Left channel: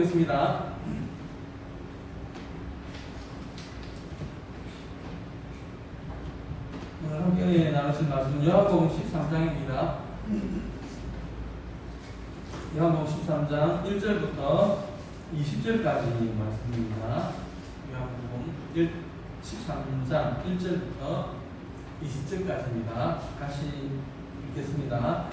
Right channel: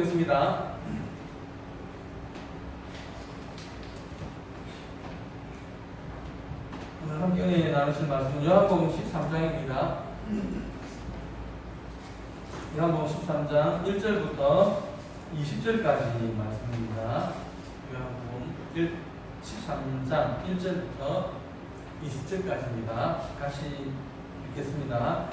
보겠습니다. 오늘 함께 나누실 말씀은 요한복음 13장입니다. 요한복음 13장 1절부터 20절까지 말씀입니다. 요한복음 13장 1절부터 20절까지입니다. 같이 읽겠습니다.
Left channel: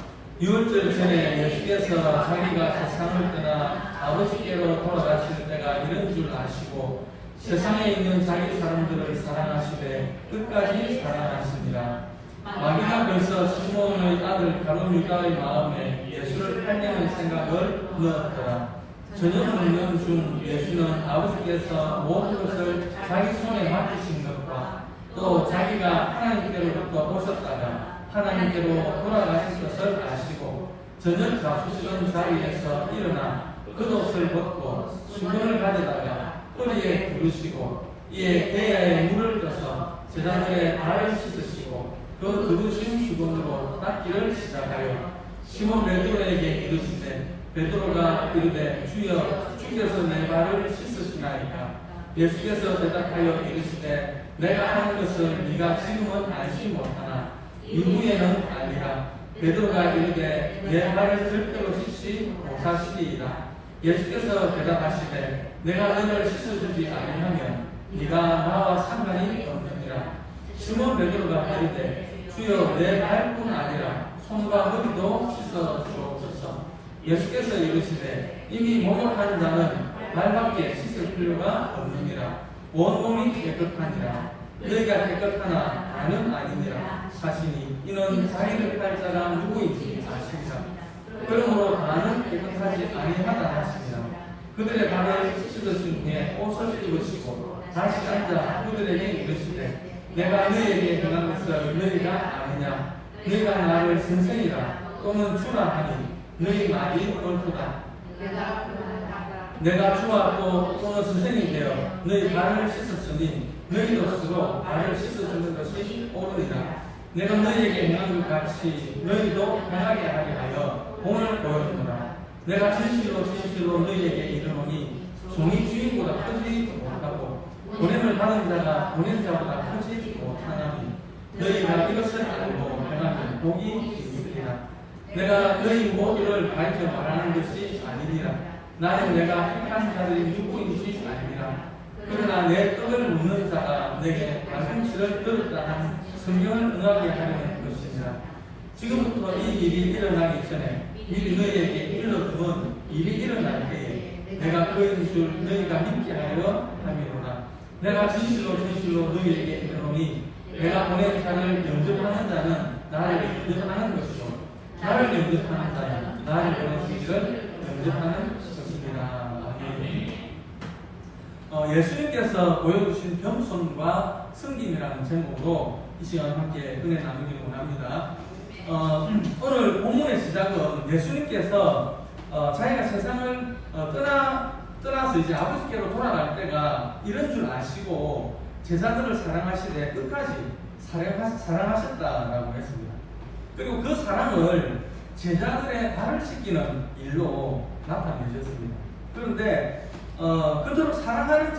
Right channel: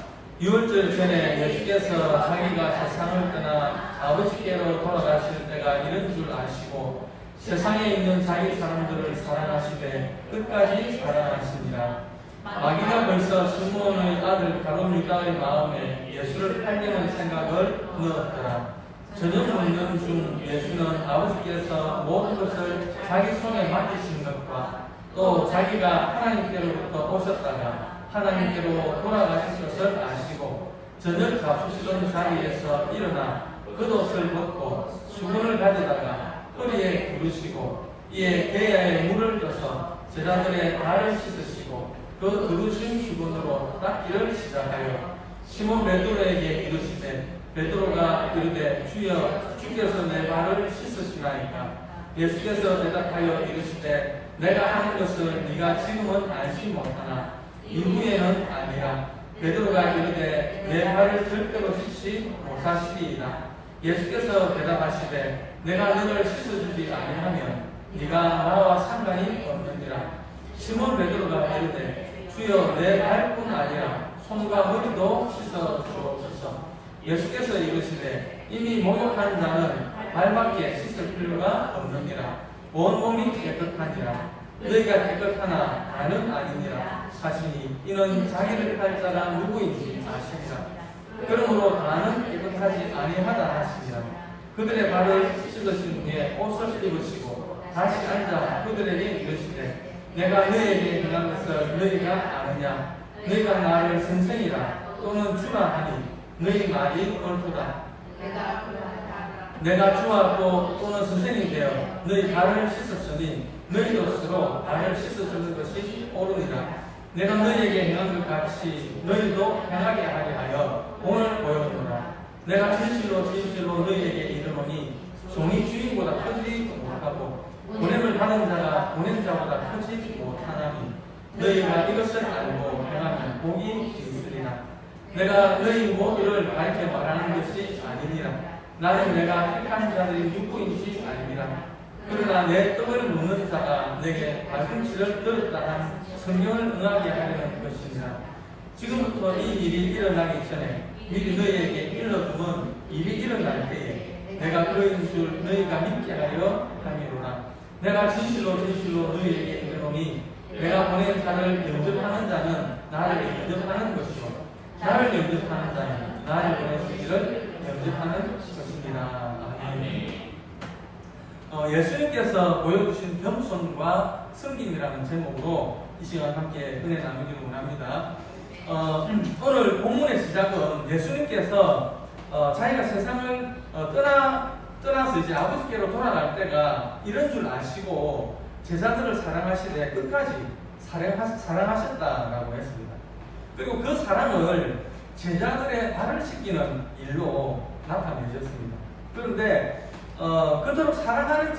6월절 전에 예수께서 자기가 세상을 떠나 아버지께로 돌아가실 때가 이런 줄 아시고 세상에 있는 자기 사람들을 사랑하시되 끝까지 사랑하시니라. 마귀가 벌써 시몬의 아들 가룟 유다의 마음에 예수를 팔려는 생각을 넣었더라. 저녁 먹는 중 예수는 아버지께서 모든 것을 자기 손에 맡기신 것과 또 자기가 하나님께로부터 오셨다가 하나님께로 돌아가실 것을 아시고 저녁 잡수시던 자리에서 일어나 겉옷을 벗고 수건을 가져다가 허리에 두르시고 이에 대야에 물을 떠서 제자들의 발을 씻으시고 그 두르신 수건으로 닦기를 시작하여 시몬 베드로에게 이르시되 베드로가 이르되 주여 주께서 내 발을 씻으시나이까. 예수께서 대답하여 이르시되 내가 하는 것을 네가 지금은 알지 못하나 이후에는 아니라. 베드로가 이르되 내 발을 절대로 씻지 못하시리이다. 예수께서 대답하시되 내가 너를 씻어주지 아니하면 네가 나와 상관이 없느니라. 시몬 베드로가 이르되 주여 내 발뿐 아니라 손과 머리도 씻어 주옵소서. 예수께서 이르시되 이미 목욕한 자는 발밖에 씻을 필요가 없느니라. 온 몸이 깨끗하니라. 너희가 깨끗하나 나는 아니니라 하시니 이는 자기를 팔 자가 누구인지 아시니라. 그러므로 나는 깨끗하지 아니하다 하시니라. 그들의 발을 씻으신 후에 옷을 입으시고 다시 앉아 그들에게 이르시되 내가 너희에게 행한 것을 너희가 아느냐. 너희가 나를 선생이라 또는 주라 하니 너희 말이 옳도다. 내가 주와 또는 선생이 되어 너희 발을 씻었으니 너희도 스스로 발을 씻어주는 것이 옳으니라. 내가 너희에게 행한 것 같이 너희도 행하게 하게 하여 본을 보여주노라. 내가 진실로 진실로 너희에게 이르노니 종이 주인보다 크지 못하고 보냄을 받은 자가 보낸 자보다 크지 못하나니 너희가 이것을 알고 행하면 복이 있으리라. 내가 너희 모두를 밝혀 말하는 것이 아니니라. 나는 내가 택한 자들이 누구인지 아니니라. 그러나 내 떡을 먹는 자가 내게 발꿈치를 들었다 한 성경을 응하게 하려는 것이니라. 지금부터 이 일이 일어나기 전에 미리 너희에게 일러두면 일이 일어날 때에 내가 그인 줄 너희가 믿게 하려 함이로라. 내가 진실로 진실로 너희에게 이르노니 내가 보낸 자를 영접하는 자는 나를 영접하는 것이요 나를 영접하는 자는 나를 보내주기를 영접하는 것입니다. 아멘. 예수님께서 보여주신 겸손과 섬김이라는 제목으로 이 시간 함께 은혜 나누기를 원합니다. 오늘 본문의 시작은 예수님께서 자기가 세상을 떠나서 이제 아버지께로 돌아갈 때가 이런 줄 아시고 제자들을 사랑하시되 끝까지 사랑하셨다라고 했습니다. 그리고 그 사랑을 제자들의 발을 씻기는 일로 나타내셨습니다. 그런데 그토록 사랑하는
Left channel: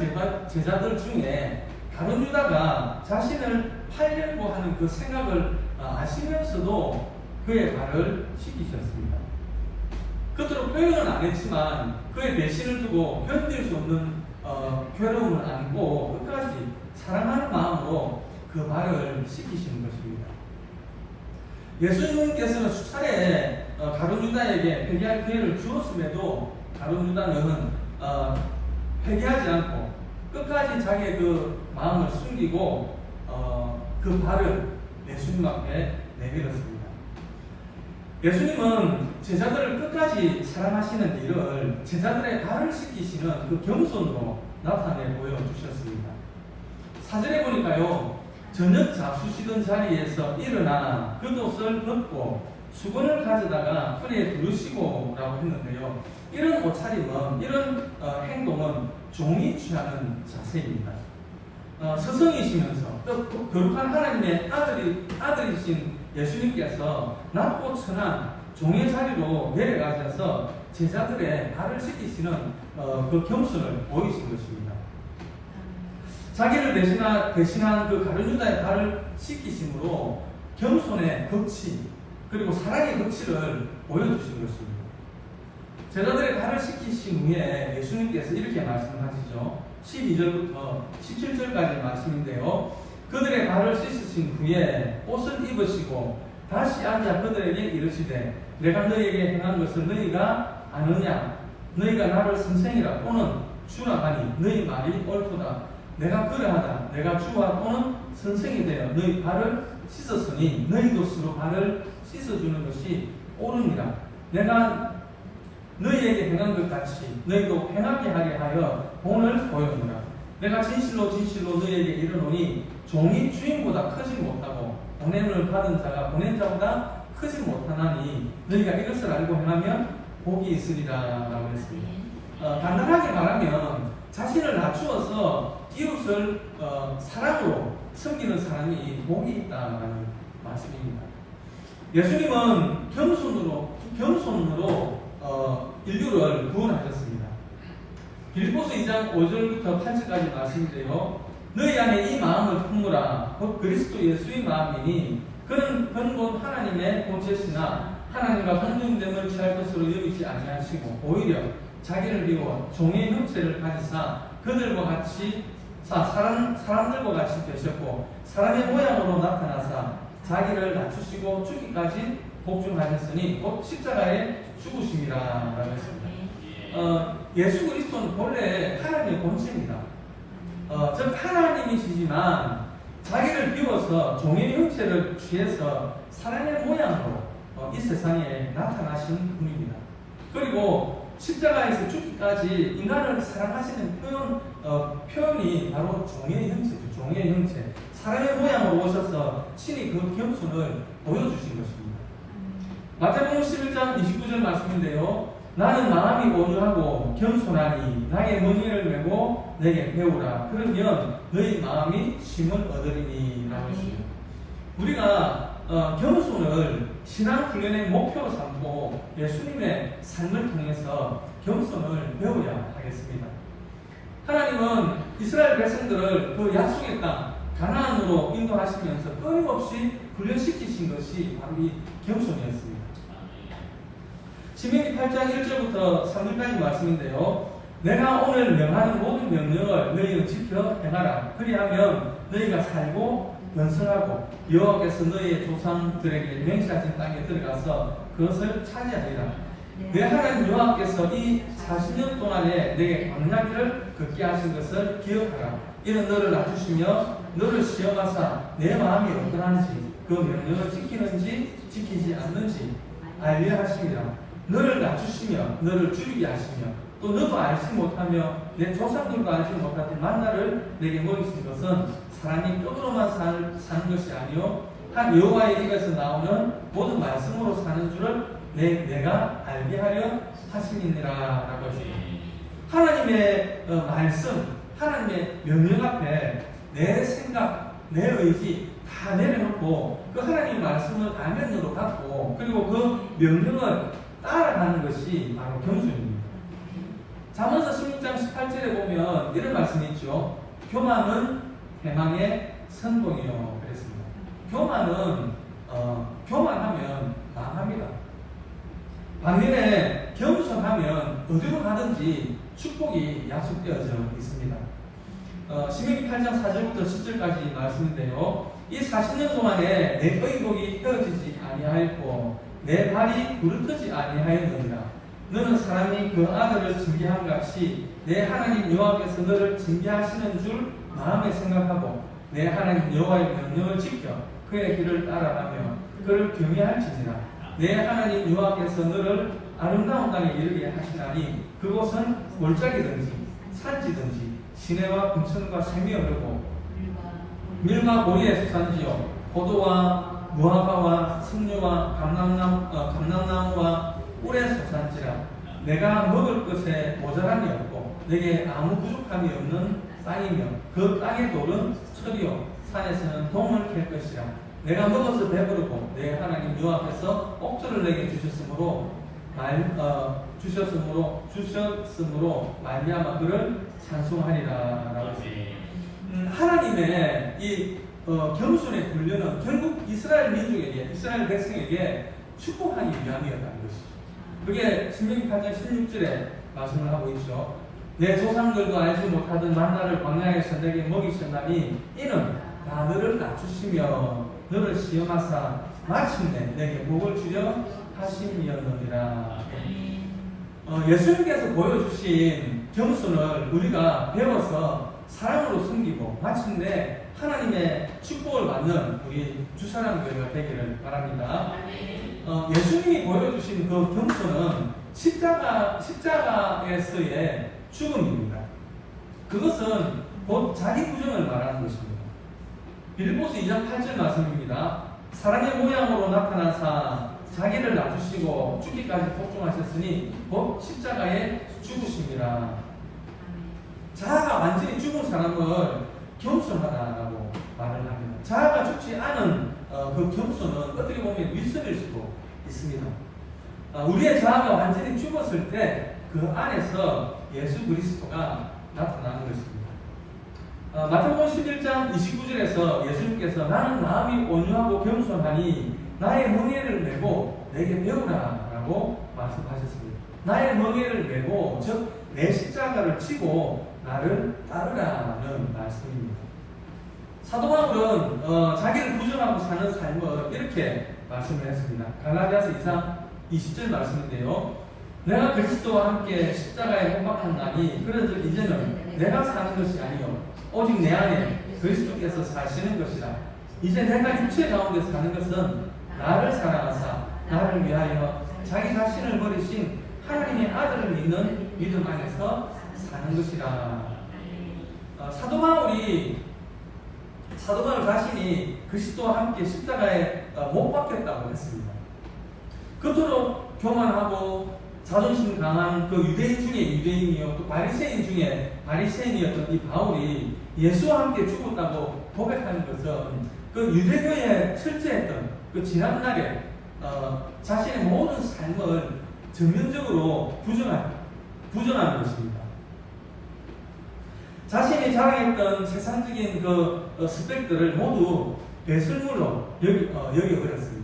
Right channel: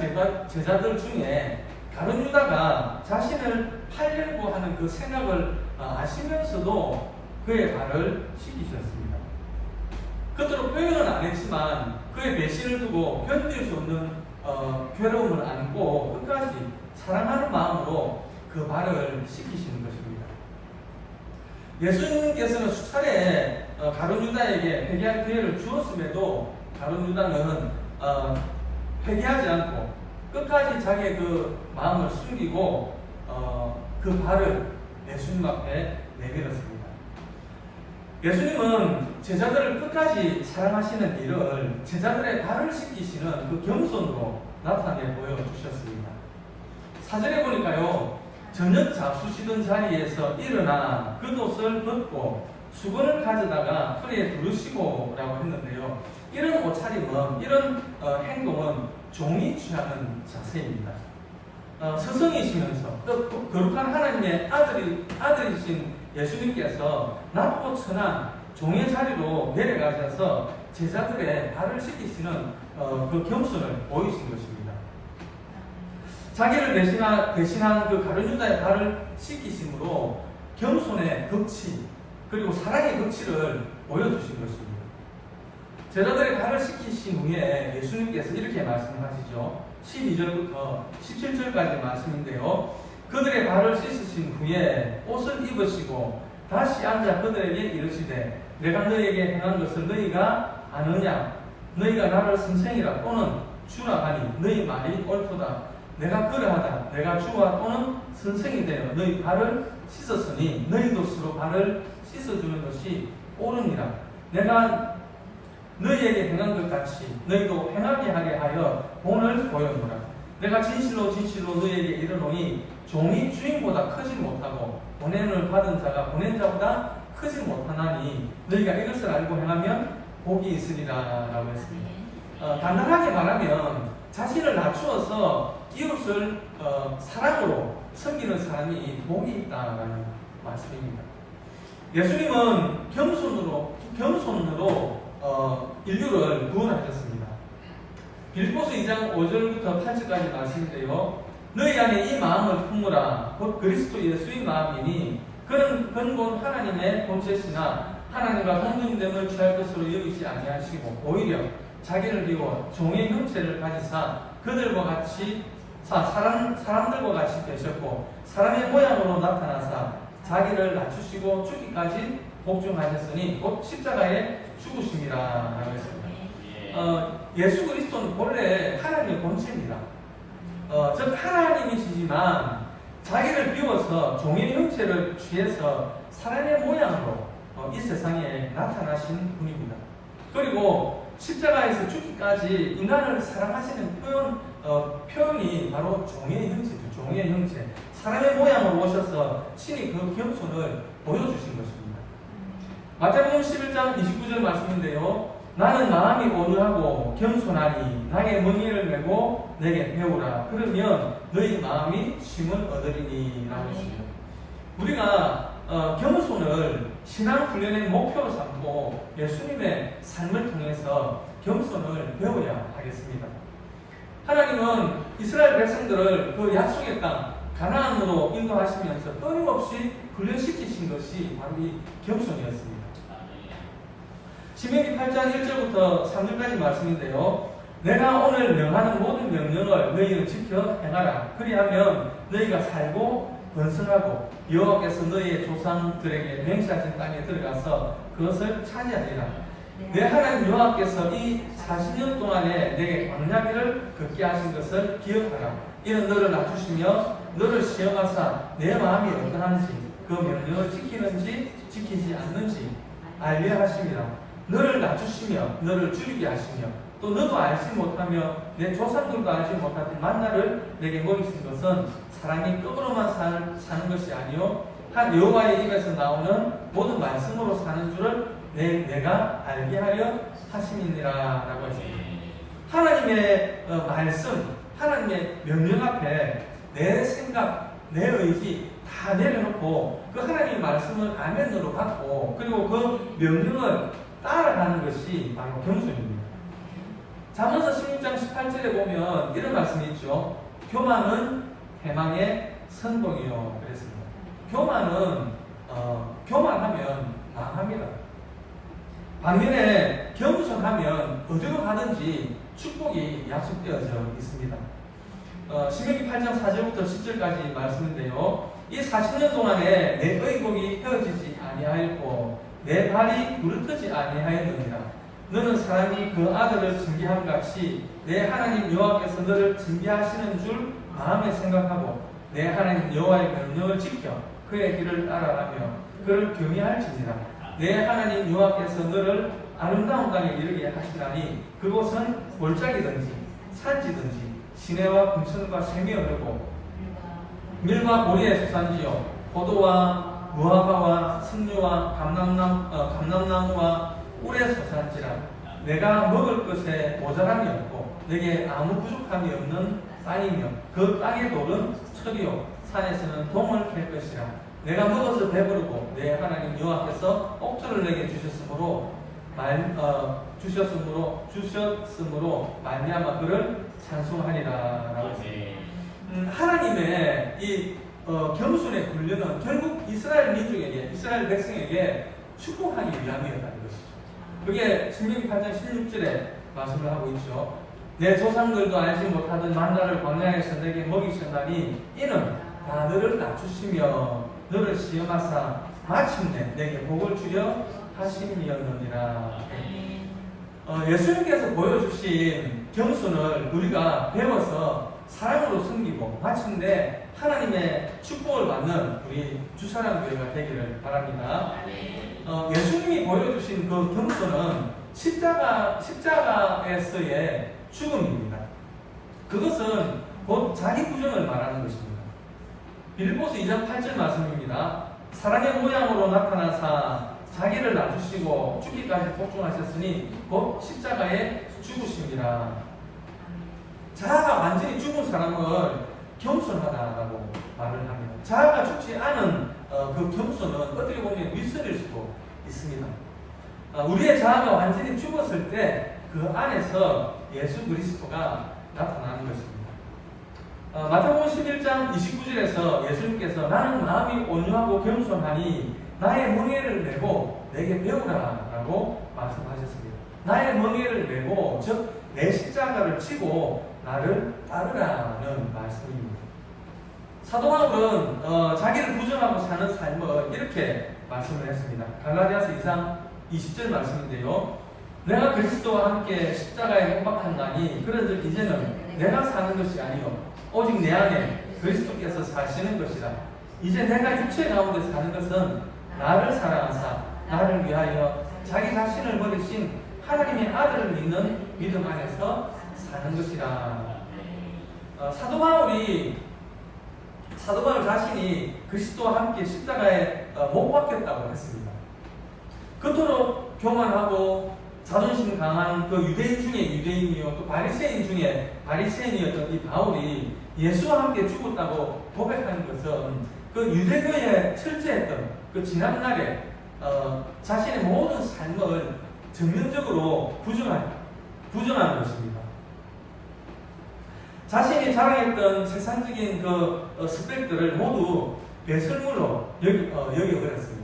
제자들 중에 가룟 유다가 자신을 팔려고 하는 그 생각을 아시면서도 그의 발을 씻기셨습니다. 그토록 표현은 안 했지만 그의 배신을 두고 견딜 수 없는 괴로움을 안고 끝까지 사랑하는 마음으로 그 발을 씻기시는 것입니다. 예수님께서는 수차례 가룟 유다에게 회개할 기회를 주었음에도 가룟 유다는 회개하지 않고 끝까지 자기의 그 마음을 숨기고 그 발을 예수님 앞에 내밀었습니다. 예수님은 제자들을 끝까지 사랑하시는 일을 제자들의 발을 씻기시는 그 겸손으로 나타내 보여주셨습니다. 사절에 보니까요, 저녁 잡수시던 자리에서 일어나 겉옷을 벗고 수건을 가져다가 허리에 두르시고 라고 했는데요, 이런 옷차림은, 이런 행동은 종이 취하는 자세입니다. 스승이시면서 또 거룩한 하나님의 아들이신 예수님께서 낮고 천한 종의 자리로 내려가셔서 제자들의 발을 씻기시는 그 겸손을 보이신 것입니다. 자기를 대신한 그 가룟 유다의 발을 씻기심으로 겸손의 덕치 그리고 사랑의 덕치를 보여주신 것입니다. 제자들의 발을 씻기신 후에 예수님께서 이렇게 말씀하시죠. 12절부터 17절까지 말씀인데요. 그들의 발을 씻으신 후에 옷을 입으시고 다시 앉아 그들에게 이르시되 내가 너희에게 행한 것을 너희가 아느냐? 너희가 나를 선생이라 또는 주라 하니 너희 말이 옳도다. 내가 그러하다. 내가 주와 또는 선생이 되어 너희 발을 씻었으니 너희도 스스로 발을 씻어주는 것이 옳으니라. 내가 너희에게 행한 것 같이 너희도 행하게 하게 하여 본을 보여주라. 내가 진실로 너희에게 이르노니 종이 주인보다 크지 못하고 보냄을 받은 자가 보낸 자보다 크지 못하나니 너희가 이것을 알고 행하면 복이 있으리라 라고 했습니다. 간단하게 말하면 자신을 낮추어서 이웃을 사랑으로 섬기는 사람이 복이 있다는 말씀입니다. 예수님은 겸손으로 인류를 구원하셨습니다. 빌립보서 2장 5절부터 8절까지 말씀인데요. 너희 안에 이 마음을 품으라. 곧 그리스도 예수의 마음이니 그는 근본 하나님의 본체시나 하나님과 동등됨을 취할 것으로 여기지 아니하시고 오히려 자기를 비워 종의 형체를 가지사 그들과 같이 사람들과 같이 되셨고 사람의 모양으로 나타나사 자기를 낮추시고 죽기까지 복종하셨으니 곧 십자가에 죽으심이라 라고 했습니다. 예수 그리스도는 본래 하나님의 본체입니다. 즉 하나님이시지만 자기를 비워서 종의 형체를 취해서 사람의 모양으로 이 세상에 나타나신 분입니다. 그리고 십자가에서 죽기까지 인간을 사랑하시는 표현이 바로 종의 형체죠. 종의 형체. 사람의 모양으로 오셔서 친히 그 겸손을 보여주신 것입니다. 마태복음 11장 29절 말씀인데요. 나는 마음이 온유하고 겸손하니 나의 멍에를 메고 내게 배우라. 그러면 너희 마음이 쉼을 얻으리니 라고 했습니다. 우리가 겸손을 신앙 훈련의 목표로 삼고 예수님의 삶을 통해서 겸손을 배워야 하겠습니다. 하나님은 이스라엘 백성들을 그 약속의 땅 가나안으로 인도하시면서 끊임없이 훈련시키신 것이 바로 이 겸손이었습니다. 신명기 8장 1절부터 3절까지 말씀인데요. 내가 오늘 명하는 모든 명령을 너희는 지켜 행하라. 그리하면 너희가 살고 번성하고 여호와께서 너희의 조상들에게 맹세하신 땅에 들어가서 그것을 차지하리라. 내 하나님 여호와께서 이 40년 동안에 내게 광야길을 걷게 하신 것을 기억하라. 이는 너를 낮추시며 너를 시험하사 내 마음이 어떠한지 그 명령을 지키는지 지키지 않는지 알게 하심이라. 너를 낮추시며 너를 줄이게 하시며 또 너도 알지 못하며 내 조상들도 알지 못하던 만나를 내게 먹이신 것은 사람이 떡으로만 사는 것이 아니요 한 여호와의 입에서 나오는 모든 말씀으로 사는 줄을 내가 알게 하려 하심이니라 라고 했습니다. 하나님의 말씀, 하나님의 명령 앞에 내 생각, 내 의지 다 내려놓고 그 하나님의 말씀을 아멘으로 받고 그리고 그 명령을 따라가는 것이 바로 겸손입니다. 잠언서 16장 18절에 보면 이런 말씀이 있죠. 교만은 해망의 선봉이요 그랬습니다. 교만하면 망합니다. 반면에 겸손하면 어디로 가든지 축복이 약속되어져 있습니다. 신명기 8장 4절부터 10절까지 말씀인데요. 이 40년 동안에 내 의복이 헤어지지 아니하였고 내 발이 부르트지 아니하였느니라. 너는 사람이 그 아들을 징계함 같이 내 하나님 여호와께서 너를 징계하시는 줄 마음에 생각하고 내 하나님 여호와의 명령을 지켜 그의 길을 따라가며 그를 경외할지니라. 내 하나님 여호와께서 너를 아름다운 땅에 이르게 하시나니 그곳은 골짜기든지 산지든지 시내와 금천과 샘이 흐르고 밀과 보리의 수산지요 포도와 무화과와 석류와 감람나무와 꿀의 수산지라. 내가 먹을 것에 모자람이 없고 내게 아무 부족함이 없는 땅이며 그 땅의 돌은 철이요 산에서는 동을 캘 것이라. 내가 먹어서 배부르고 내 하나님 여호와께서 옥조를 내게 주셨으므로 주셨으므로 말미암아 그를 찬송하리라라고. 하나님의 이 겸손의 훈련은 결국 이스라엘 민족에게, 이스라엘 백성에게 축복하기 위함이었다는 것이죠. 그게 신명기 8장 16절에 말씀을 하고 있죠. 내 조상들도 알지 못하던 만나를 광야에서 내게 먹이셨나니 이는 다 너를 낮추시며 너를 시험하사 마침내 내게 복을 주려 하심이었느니라. 예수님께서 보여주신 겸손을 우리가 배워서 사랑으로 섬기고 마침내 하나님의 축복을 받는 우리 주사랑교회가 되기를 바랍니다. 예수님이 보여주신 그 겸손은 십자가에서의 죽음입니다. 그것은 곧 자기 부정을 말하는 것입니다. 빌립보서 2장 8절 말씀입니다. 사랑의 모양으로 나타나사 자기를 낮추시고 죽기까지 복종하셨으니 곧 십자가에 죽으심이라. 자아가 완전히 죽은 사람을 겸손하다라고 말을 합니다. 자아가 죽지 않은 그 겸손은 어떻게 보면 윗선일 수도 있습니다. 우리의 자아가 완전히 죽었을 때 그 안에서 예수 그리스도가 나타나는 것입니다. 마태복음 11장 29절에서 예수님께서 나는 마음이 온유하고 겸손하니 나의 멍에를 메고 내게 배우라라고 말씀하셨습니다. 나의 멍에를 메고 즉 내 십자가를 치고 나를 따르라는 말씀입니다. 사도 바울은 자기를 부정하고 사는 삶을 이렇게 말씀을 했습니다. 갈라디아서 2장 20절 말씀인데요. 내가 그리스도와 함께 십자가에 못 박혔나니 그런즉 이제는 내가 사는 것이 아니요 오직 내 안에 그리스도께서 사시는 것이라. 이제 내가 육체 가운데 사는 것은 나를 사랑하사 나를 위하여 자기 자신을 버리신 하나님의 아들을 믿는 믿음 안에서 사는 것이라. 사도 바울 자신이 그리스도와 함께 십자가에 못 박혔다고 했습니다. 그토록 교만하고 자존심 강한 그 유대인 중에 유대인이요 또 바리새인 중에 바리새인이었던 이 바울이 예수와 함께 죽었다고 고백하는 것은 그 유대교에 철저했던 그 지난날에 자신의 모든 삶을 전면적으로 부정한 것입니다. 자신이 자랑했던 세상적인 그 스펙들을 모두 배설물로 여겨버렸습니다.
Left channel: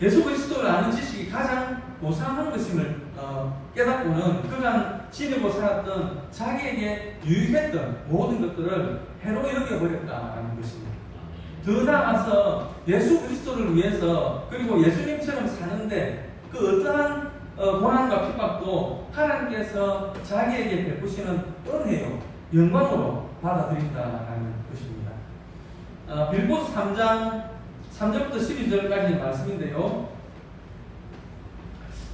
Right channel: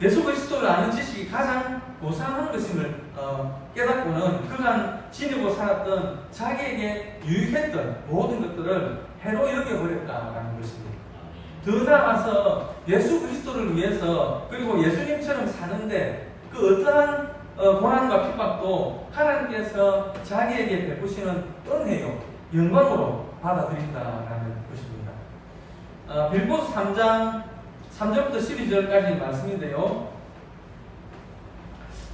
예수 그리스도를 아는 지식이 가장 고상한 것임을 깨닫고는 그간 지니고 살았던 자기에게 유익했던 모든 것들을 해로 여겨버렸다는 것입니다. 더 나아가서 예수 그리스도를 위해서 그리고 예수님처럼 사는데 그 어떠한 고난과 핍박도 하나님께서 자기에게 베푸시는 은혜요 영광으로 받아들인다라는 것입니다. 빌립보서 3장 3절부터 12절까지 말씀인데요.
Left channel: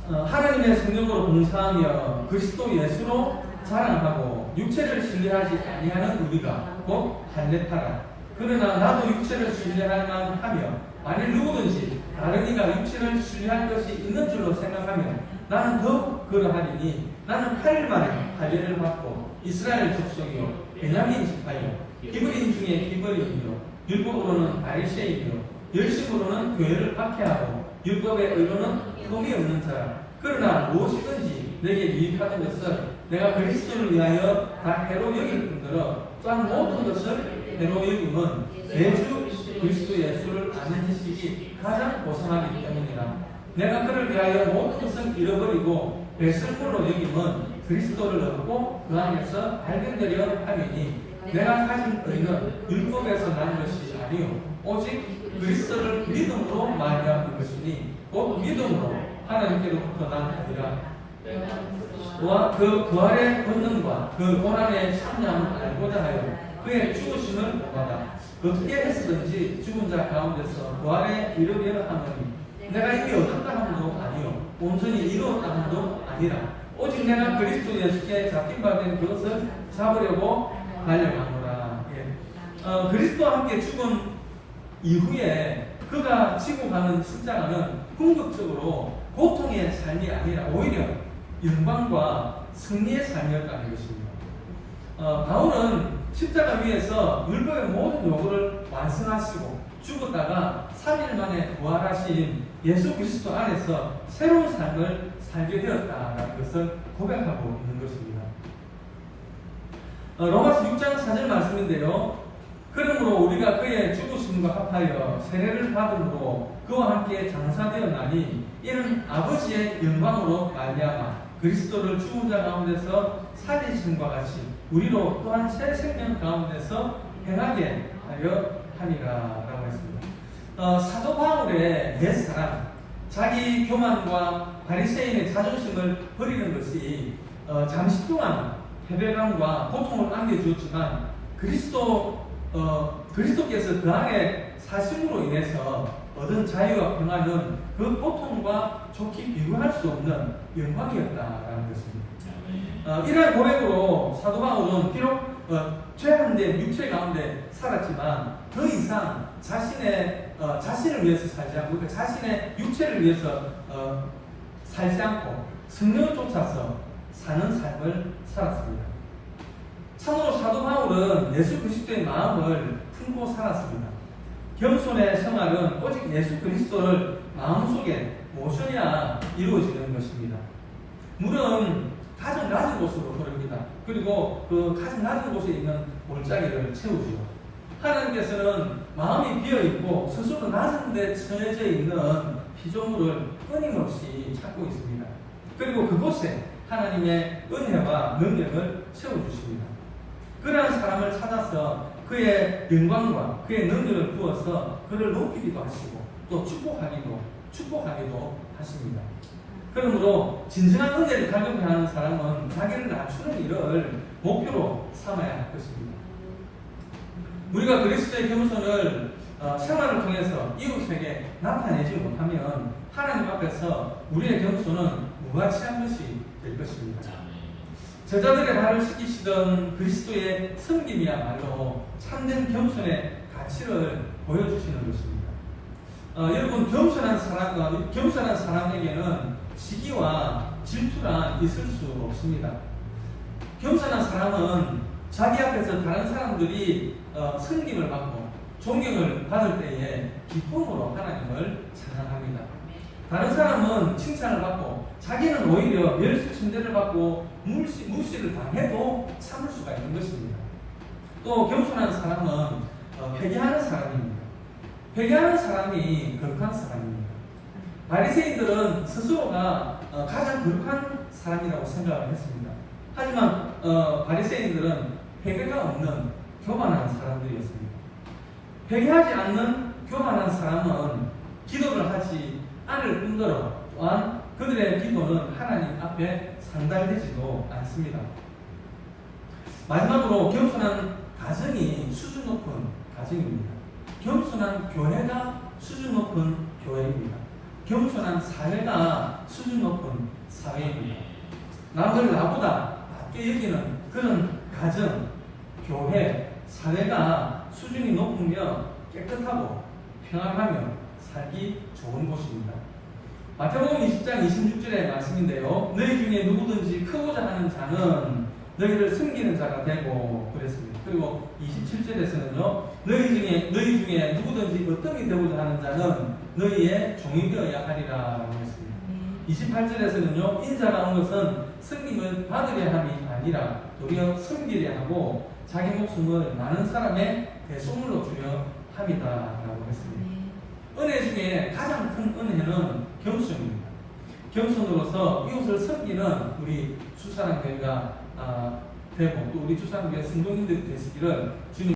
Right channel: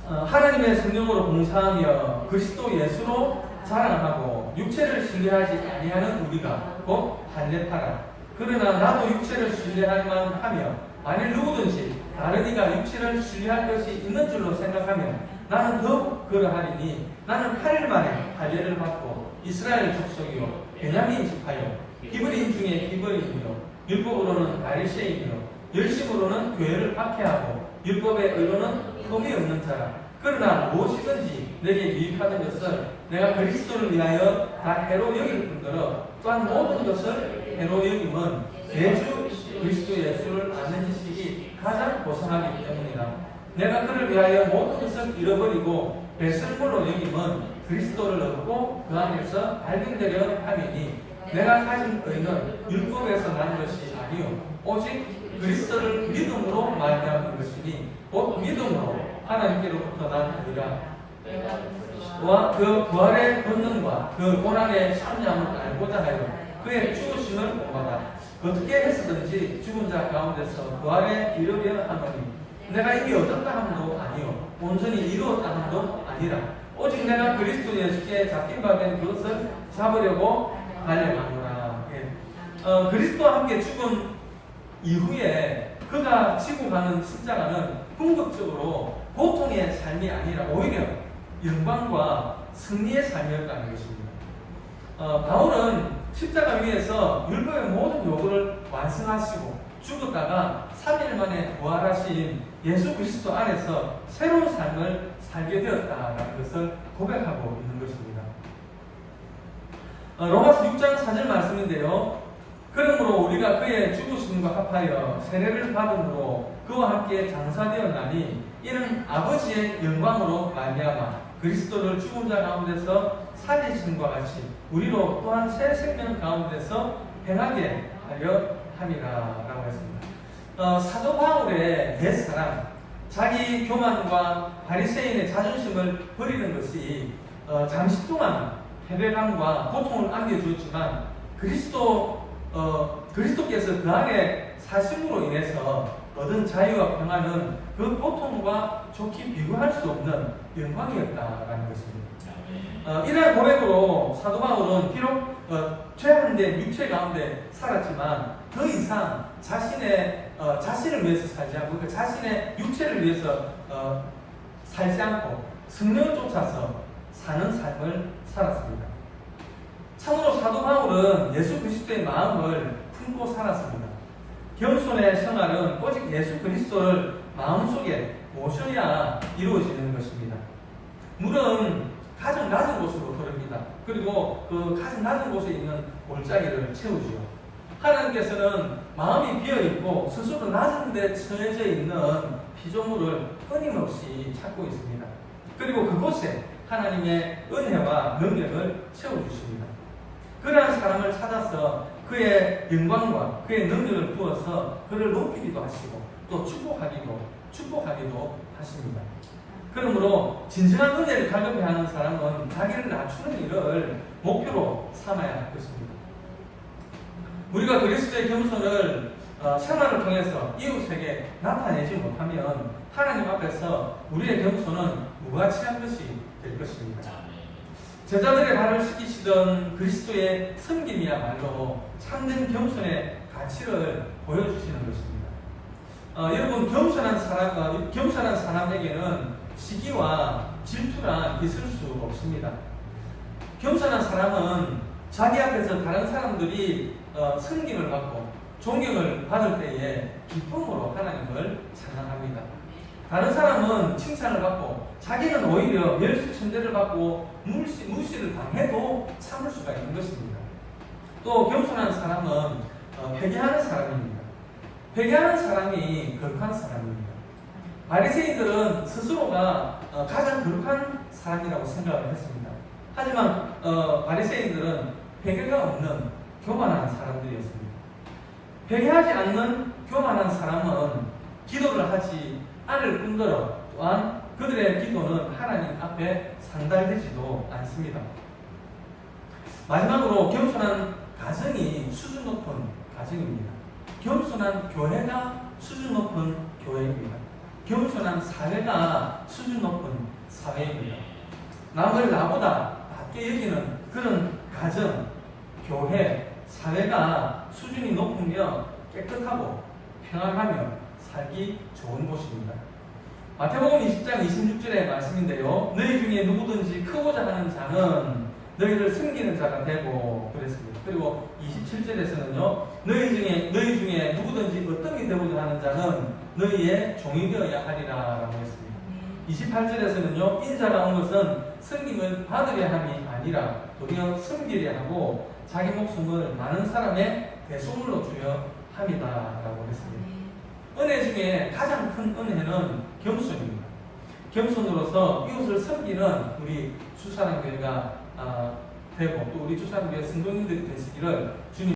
하나님의 성령으로 봉사하며 그리스도 예수로 자랑하고 육체를 신뢰하지 아니하는 우리가 곧 한례파라. 그러나 나도 육체를 신뢰할 만하며 만일 누구든지 다른 이가 육체를 신뢰할 것이 있는 줄로 생각하면 나는 더욱 그러하리니 나는 8일 만에 할례를 받고 이스라엘 족속이요 베냐민 지파요 히브리인 중에 히브리인이요 율법으로는 바리새인이요 열심으로는 교회를 박해하고 율법의 의로는 흠이 없는 자라. 그러나 무엇이든지 내게 유익하는 것을 내가 그리스도를 위하여 다 해로 여길 뿐더러 또한 모든 것을 해로 여김은 내 주 그리스도 예수를 아는 지식이 가장 고상하기 때문이라. 내가 그를 위하여 모든 것을 잃어버리고 배설물로 여김은 그리스도를 얻고 그 안에서 발견되려 하매니 내가 가진 의는 율법에서 난 것이 아니요 오직 그리스도를 믿음으로 말미암은 것이니 곧 믿음으로 하나님께로부터 난 아니라 그 부활의 본능과 그 고난의 참여함을 알고자 하여 그의 죽으심을 본받아 어떻게 했으든지 죽은 자 가운데서 부활에 이르려 하노니 내가 이게 얻었다 함도 아니요 온전히 이루었다 함도 아니라 오직 내가 그리스도 예수께 잡힌 바 된 그것을 잡으려고 달려가노라. 그리스도와 함께 죽은 이후에 그가 지고 가는 십자가는 궁극적으로 보통의 삶이 아니라 오히려 영광과 승리의 삶이었다는 것입니다. 바울은 십자가 위에서 율법의 모든 요구를 완성하시고 죽었다가 3일 만에 부활하신 예수 그리스도 안에서 새로운 삶을 살게 되었다라는 것을 고백하고 있는 것입니다. 로마서 6장 4절 말씀인데요. 그러므로 우리가 그의 죽으심과 합하여 세례를 받음으로 그와 함께 장사되었나니 이는 아버지의 영광으로 말미암아 그리스도를 죽은 자 가운데서 살리심과 같이 우리로 또한 새 생명 가운데서 행하게 하려 함이라라고 했습니다. 사도 바울의 옛사람, 자기 교만과 바리새인의 자존심을 버리는 것이 잠시 동안 패배감과 고통을 안겨주었지만 그리스도께서 그 안에 사심으로 인해서 얻은 자유와 평안은 그 고통과 좋게 비교할 수 없는 영광이었다라는 것입니다. 이러한 고백으로 사도 바울은 비록 죄한된 육체 가운데 살았지만 더 이상 자신을 위해서 살지 않고 그러니까 자신의 육체를 위해서 살지 않고 성령을 쫓아서 사는 삶을 살았습니다. 참으로 사도 바울은 예수 그리스도의 마음을 품고 살았습니다. 겸손의 생활은 오직 예수 그리스도를 마음속에 모셔야 이루어지는 것입니다. 물은 가장 낮은 곳으로 흐릅니다. 그리고 그 가장 낮은 곳에 있는 골짜기를 채우죠. 하나님께서는 마음이 비어있고 스스로 낮은 데 처해져 있는 피조물을 끊임없이 찾고 있습니다. 그리고 그곳에 하나님의 은혜와 능력을 채워주십니다. 그러한 사람을 찾아서 그의 영광과 그의 능력을 부어서 그를 높이기도 하시고 또 축복하기도 하십니다. 그러므로 진정한 은혜를 갈급해 하는 사람은 자기를 낮추는 일을 목표로 삼아야 할 것입니다. 우리가 그리스도의 겸손을 생활을 통해서 이웃에게 나타내지 못하면 하나님 앞에서 우리의 겸손은 무가치한 것이 될 것입니다. 제자들의 발을 씻기시던 그리스도의 섬김이야말로 참된 겸손의 가치를 보여주시는 것입니다. 여러분, 겸손한 사람에게는 시기와 질투가 있을 수 없습니다. 겸손한 사람은 자기 앞에서 다른 사람들이 섬김을 받고 존경을 받을 때에 기쁨으로 하나님을 찬양합니다. 다른 사람은 칭찬을 받고 자기는 오히려 멸시천대를 받고 무시를 당해도 참을 수가 있는 것입니다. 또 겸손한 사람은 회개하는 사람입니다. 회개하는 사람이 거룩한 사람입니다. 바리새인들은 스스로가 가장 거룩한 사람이라고 생각을 했습니다. 하지만 바리새인들은 회개가 없는 교만한 사람들이었습니다. 회개하지 않는 교만한 사람은 기도를 하지 않을 뿐더러 또한 그들의 기도는 하나님 앞에 상달되지도 않습니다. 마지막으로 겸손한 가정이 수준 높은 가정입니다. 겸손한 교회가 수준 높은 교회입니다. 겸손한 사회가 수준 높은 사회입니다. 남을 나보다 낮게 여기는 그런 가정, 교회, 사회가 수준이 높으며 깨끗하고 평안하며 살기 좋은 곳입니다. 마태복음 20장 26절의 말씀인데요. 너희 중에 누구든지 크고자 하는 자는 너희를 섬기는 자가 되고 그랬습니다. 그리고 27절에서는요. 너희 중에 누구든지 어떤이 되고자 하는 자는 너희의 종이 되어야 하리라 라고 했습니다. 28절에서는요. 인자가 온 것은 섬김을 받으려 함이 아니라 도리어 섬기려 하고 자기 목숨을 많은 사람의 대속물로 주려 함이다 라고 했습니다. 은혜 중에 가장 큰 은혜는 겸손입니다. 겸손으로서 이웃을 섬기는 우리 수사랑교회가 되고 또 우리 수사랑교회 성도님들이 되시기를 주님